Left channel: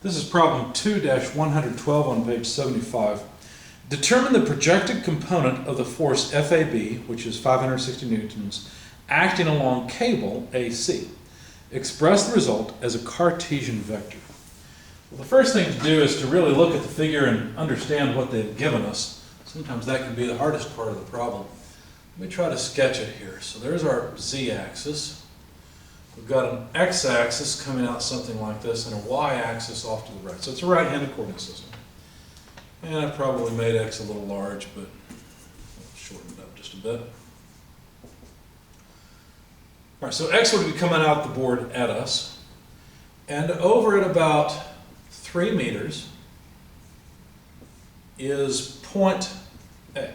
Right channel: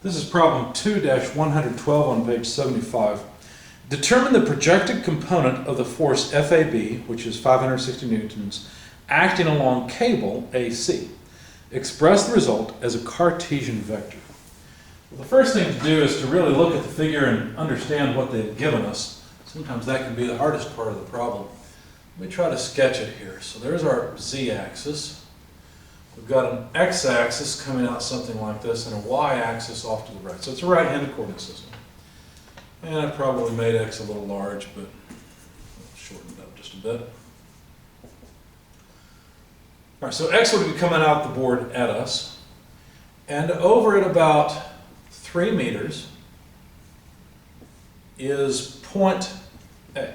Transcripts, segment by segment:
This is problem 2-112 on page 75. Determine the projected component of the force FAB, which is 560 newtons, acting along cable AC. Express the result as a Cartesian vector. Well, the first thing to do is to really look at the figure and understand what they've given us. Sometimes that can be the hardest part of the problem. Let me try to sketch it here. So there's our z-axis. We've got an x-axis coming out something like this and a y-axis off to the right. So it's a right-handed coordinate system. And I probably made x a little large, but I'll shorten it up just a bit. All right, so x would be coming out the board at us. And over at about 3 meters is point A.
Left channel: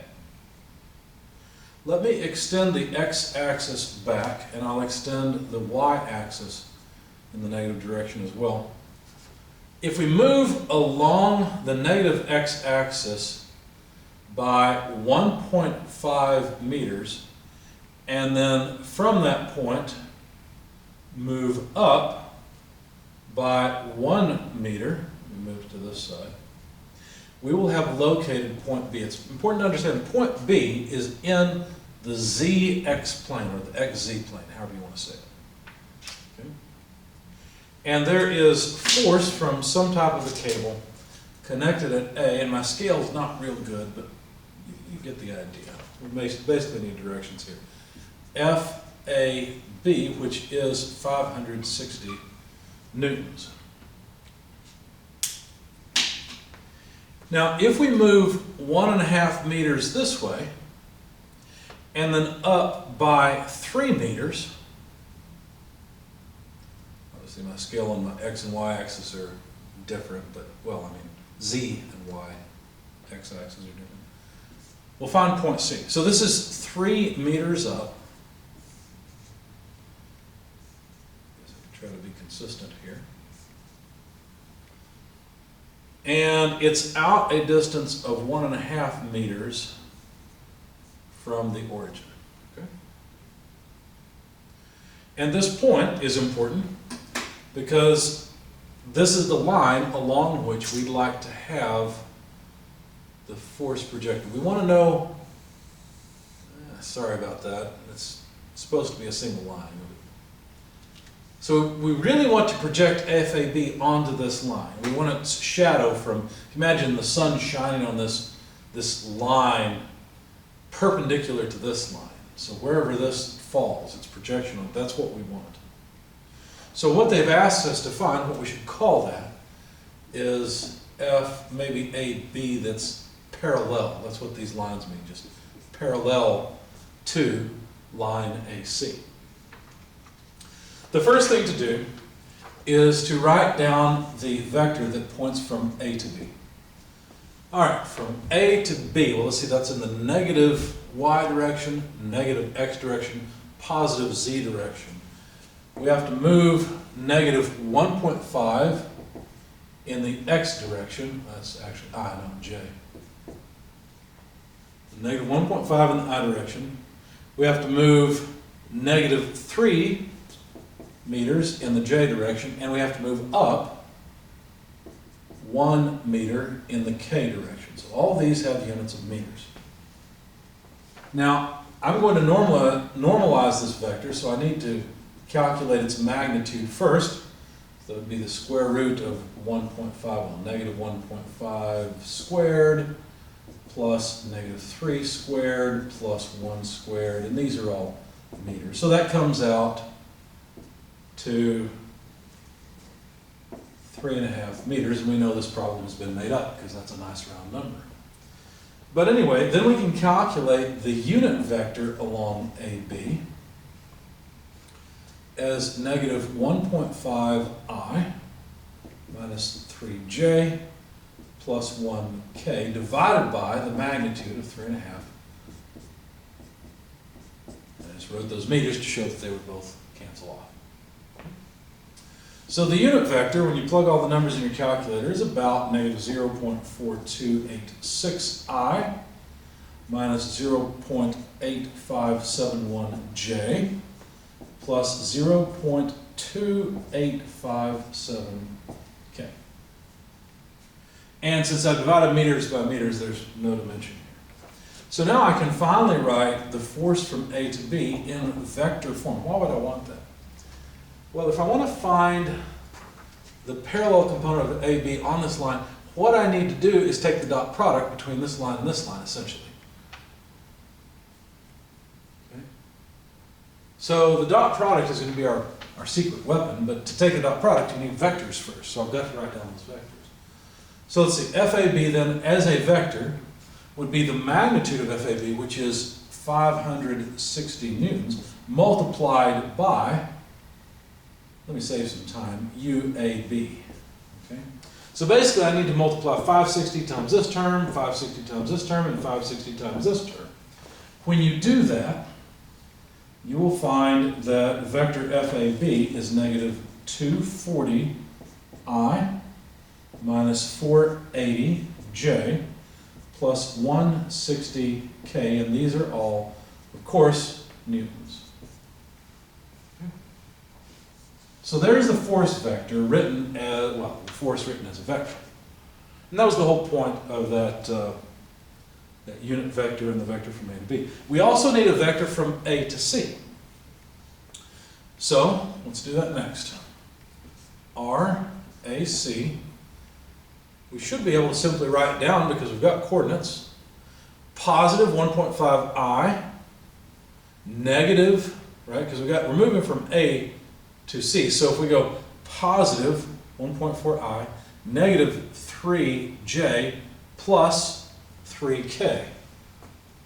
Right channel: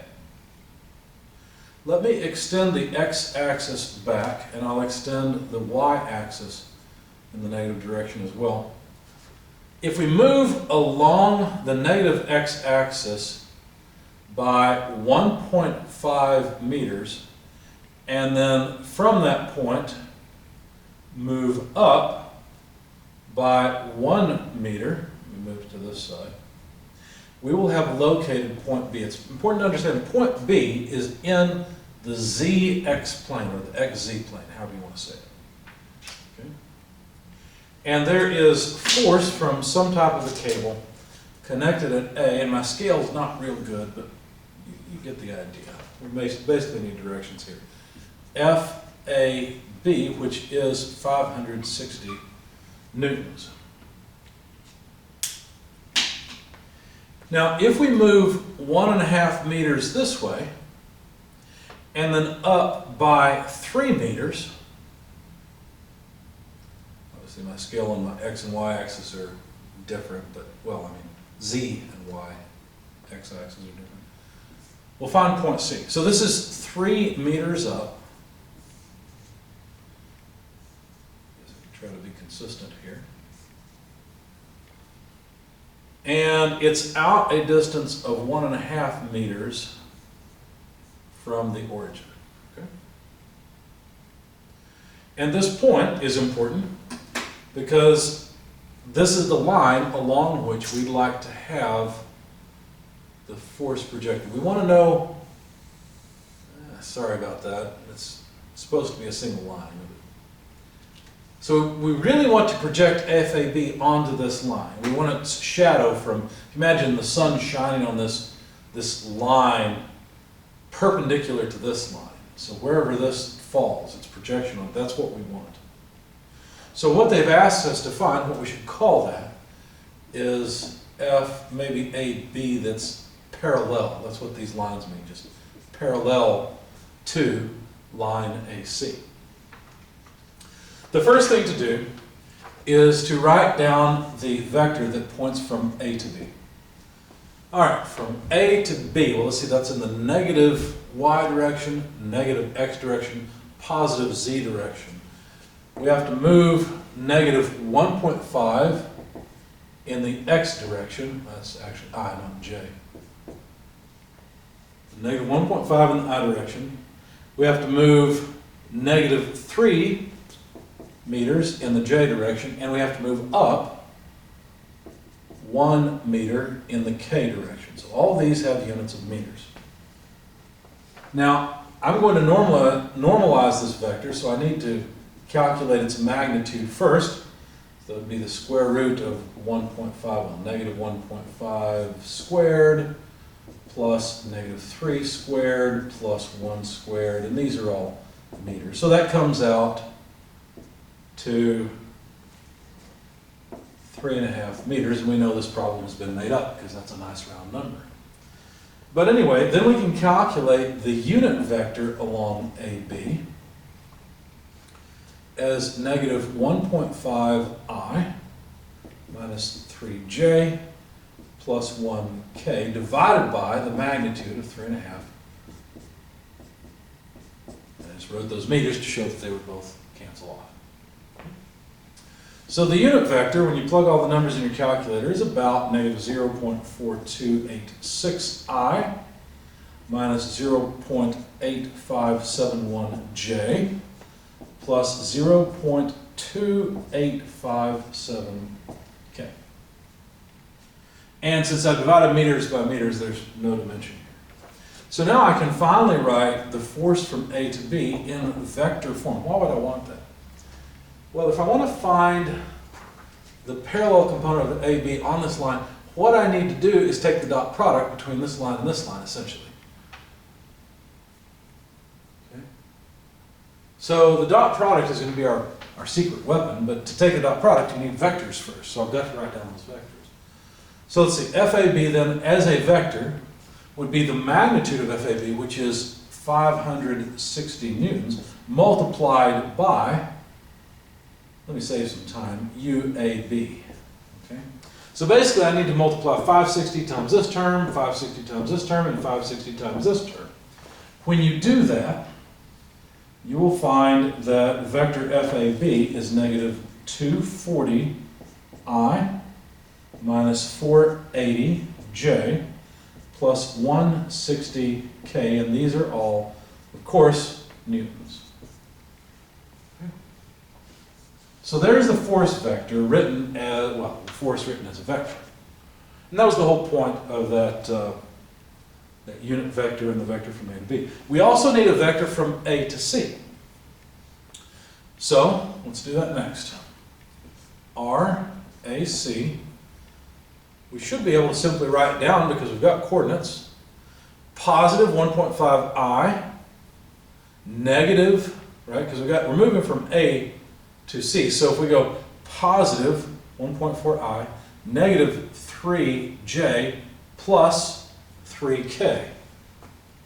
Let me extend the x-axis back, and I'll extend the y-axis in the negative direction as well. If we move along the negative x-axis by 1.5 meters, and then from that point move up by 1 meter, we move to this side, we will have located point B. It's important to understand that point B is in the zx plane, or the xz plane, however you want to say it. Okay? And there is force from some type of a cable connected at A, and my scale is not real good, but you get the idea. We basically need directions here. FAB, which is 560 newtons. Now, if we move 1.5 meters this way, and then up by 3 meters, obviously my scale on my x and y axis are different, but, well, I mean, z and y x-axis are different. We'll find point C. So this is 3 meters up. I guess I can try to be consistent here. And it's out a distance of 1.5 meters from the origin. Okay? And this point is important because this is the line along which we'd like to have the force projected. We want to know, sorry about that, it's supposed to be a single line. So we really want to project FAB onto this line. We want its shadow from, imagine the sun shining on this line perpendicular to this line. So wherever this falls, its projection on it, that's what we want. So what they've asked us to find, what we should call that, is F, maybe AB that's parallel. That's what these lines mean, just parallel to line AC. The first thing to do is to write down the vector that points from A to B. All right, from A to B, well, let's see, that's in the negative y direction, negative x direction, positive z direction. We have to move negative 1.5 in the x direction. That's actually I, not j. Negative 1.5 in the I direction. We have to move negative 3 meters in the j direction, and we have to move up 1 meter in the k direction. So all these have units of meters. Now, I'm going to normalize this vector, so I need to calculate its magnitude first. So that would be the square root of 1.5, well, negative 1.5 squared plus negative 3 squared plus 1 squared, and these are all meters. So that comes out to 3.5 meters, and we know this problem has been made up because that's a nice round number. But anyway, then we can calculate the unit vector along AB as negative 1.5I minus 3J plus 1K divided by the magnitude of 3.5. I just wrote those meters to show that they would both cancel off. So the unit vector, when you plug all the numbers in your calculator, is about negative 0.4286I minus 0.8571J plus 0.2857K. And since I've divided meters by meters, there's no dimension here. So now I can finally write the force from A to B in vector form. Why would I want that? Well, if I want to find the parallel component of AB on this line, what I need to do is take the dot product between this line and this line, essentially. Okay? So the dot product is going to be our secret weapon, but to take the dot product, you need vectors first. So I've got to write down those vectors. So let's see, FAB then, as a vector, would be the magnitude of FAB, which is 560 newtons, multiplied by, let me save some time, UAB. Okay? So basically I need to multiply 560 times this term, 560 times this term, and 560 times this term. When you do that, you will find that vector FAB is negative 240I minus 480J plus 160K, and these are all, of course, newtons. Okay. So there's the force vector written as, well, the force written as a vector. And that was the whole point of that unit vector and the vector from A to B. We also need a vector from A to C. So let's do that next. RAC, we should be able to simply write it down because we've got coordinates. Positive 1.5I, negative, right, because we're moving from A to C. So if we go positive 1.4I, negative 3J plus 3K,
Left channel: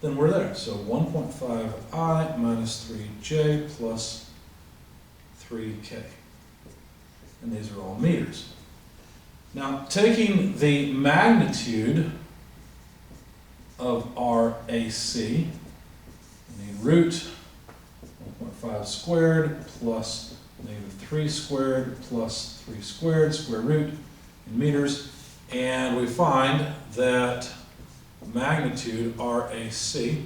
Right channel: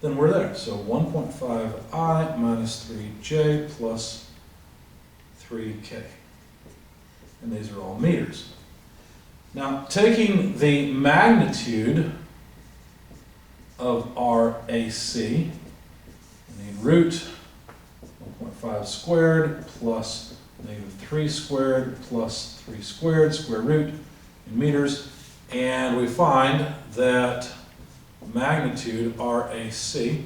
then we're there. So 1.5I minus 3J plus 3K. And these are all meters. Now, taking the magnitude of RAC, I need root 1.5 squared plus negative 3 squared plus 3 squared, square root in meters, and we find that magnitude RAC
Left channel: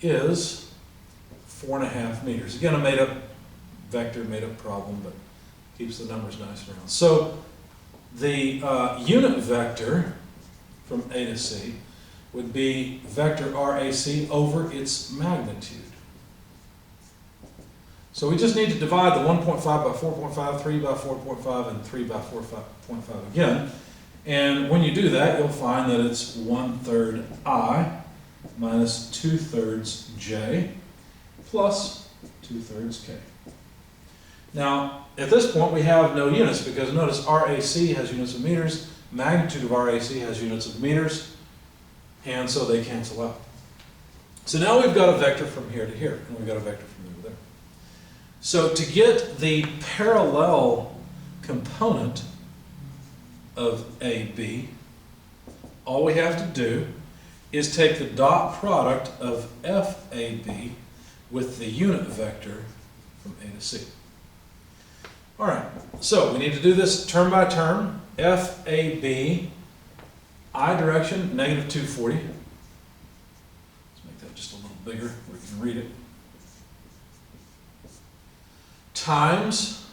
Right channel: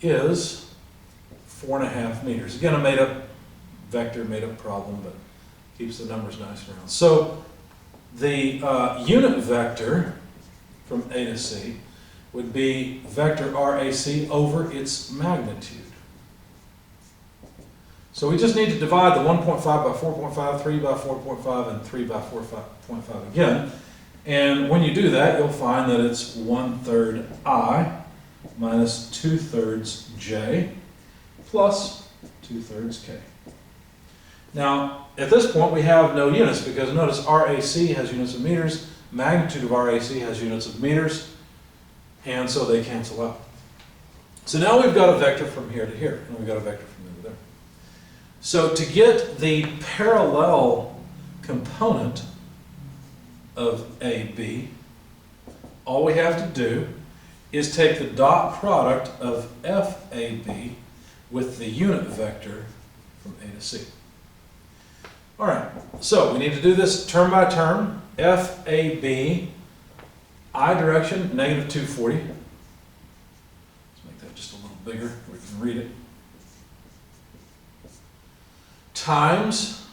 is 4.5 meters. Again, a made-up vector, made-up problem, but keeps the numbers nice and round. So the unit vector from A to C would be vector RAC over its magnitude. So we just need to divide the 1.5 by 4.5, 3 by 4.5, and 3 by 4.5 again. And when you do that, you'll find that it's 1/3 I minus 2/3 J plus 2/3 K. Now, at this point, we have no units because notice RAC has units of meters, magnitude of RAC has units of meters, and so they cancel out. So now we've got a vector from here to here, and we've got a vector from there to there. So to get the parallel component of AB, all we have to do is take the dot product of FAB with the unit vector from A to C. All right, so we need to do this term by term. FAB, I direction, negative 240. Let's make that just a little bigger where you can read it. Times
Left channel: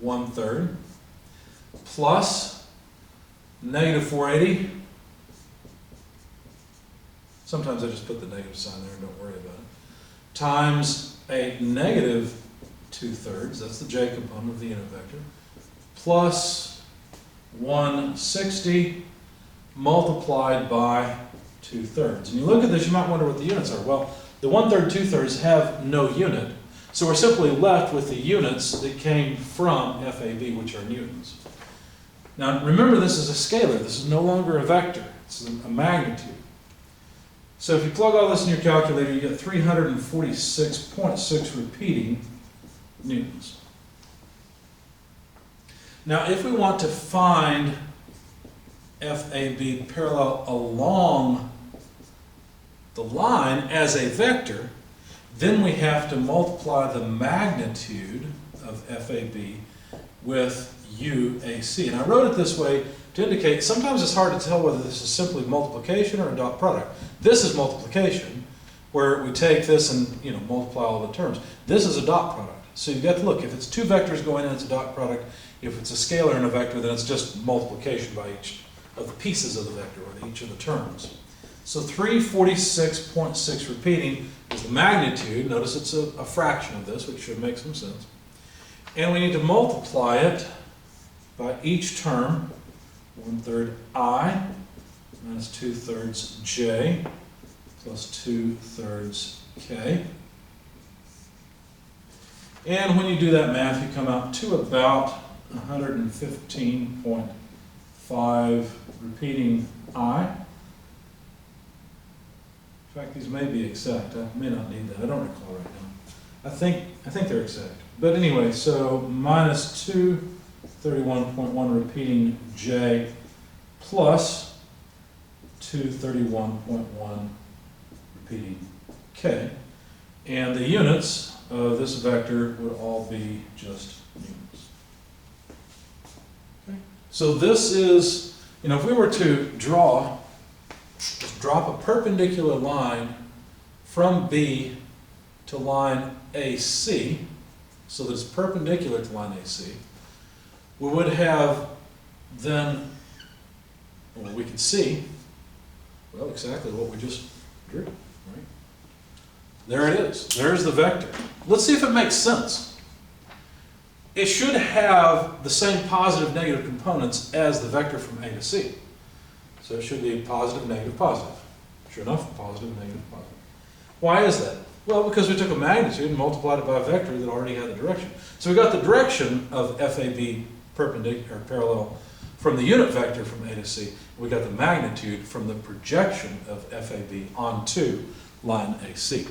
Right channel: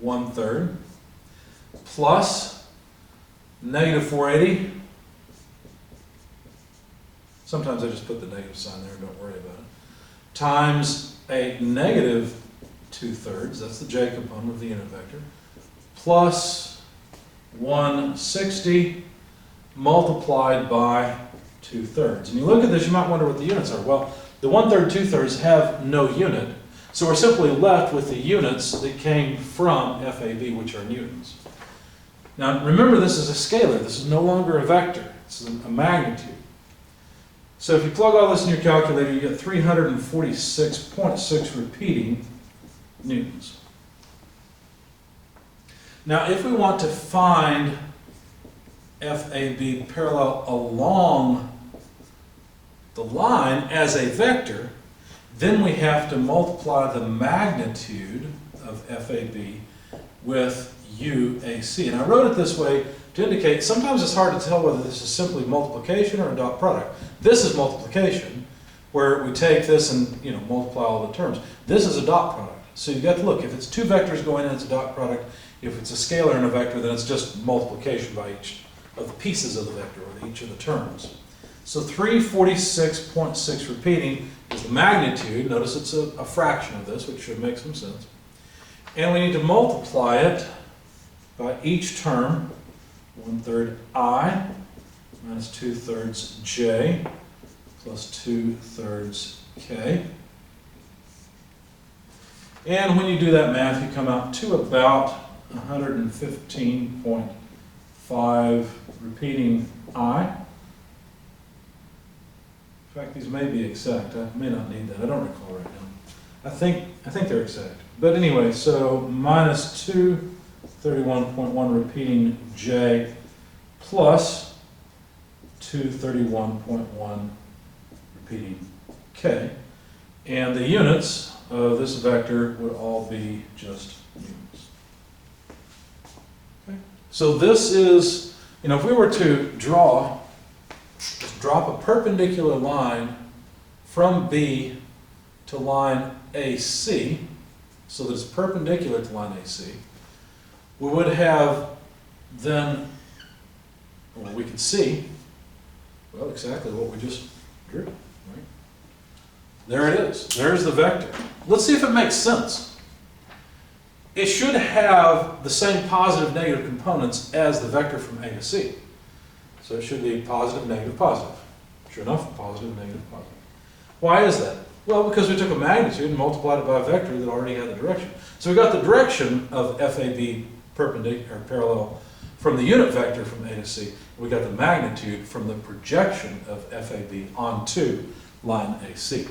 1/3 plus negative 480. Sometimes I just put the negative sign there and don't worry about it. Times a negative 2/3, that's the J component of the unit vector, plus 160 multiplied by 2/3. And you look at this, you might wonder what the units are. Well, the 1/3, 2/3 have no unit, so we're simply left with the units that came from FAB, which are newtons. Now remember, this is a scalar, this is no longer a vector, this is a magnitude. So if you plug all this in your calculator, you get 346.6 repeating newtons. Now, if we want to find FAB parallel along the line as a vector, then we have to multiply the magnitude of FAB with UAC. And I wrote it this way to indicate sometimes it's hard to tell whether this is simply multiplication or a dot product. This is multiplication, where we take this and multiply all the terms. This is a dot product. So you've got to look, if it's two vectors going in, it's a dot product. If it's a scalar and a vector, then it's just multiplication by each of the pieces of the vector, or each of the terms. So 346.6 repeating is the magnitude. Notice it's a fraction of this, which should make some sense. And we need to multiply it by each term, 1/3 I minus 2/3 J plus 2/3 K. And when you do that math, you come out to about 115.5 repeating I. In fact, these may be exact. I may not need that. I don't recall right now. I think they're exact. But anyway, so minus 231.1 repeating J plus 231.1 repeating K. And the units of this vector would all be just newtons. Okay. So this is, if we were to just drop a perpendicular line from B to line AC, so that it's perpendicular to line AC, we would have then, well, we could see, well, exactly what we just drew, right? There it is. There's the vector. Let's see if it makes sense. It should have the same positive, negative components as the vector from A to C. So it should be positive, negative, positive. Sure enough, positive, negative, positive. Why is that? Well, because we took a magnitude and multiplied it by a vector that already had the direction. So we got the direction of FAB perpendicular or parallel from the unit vector from A to C. We got the magnitude from the projection of FAB onto line AC.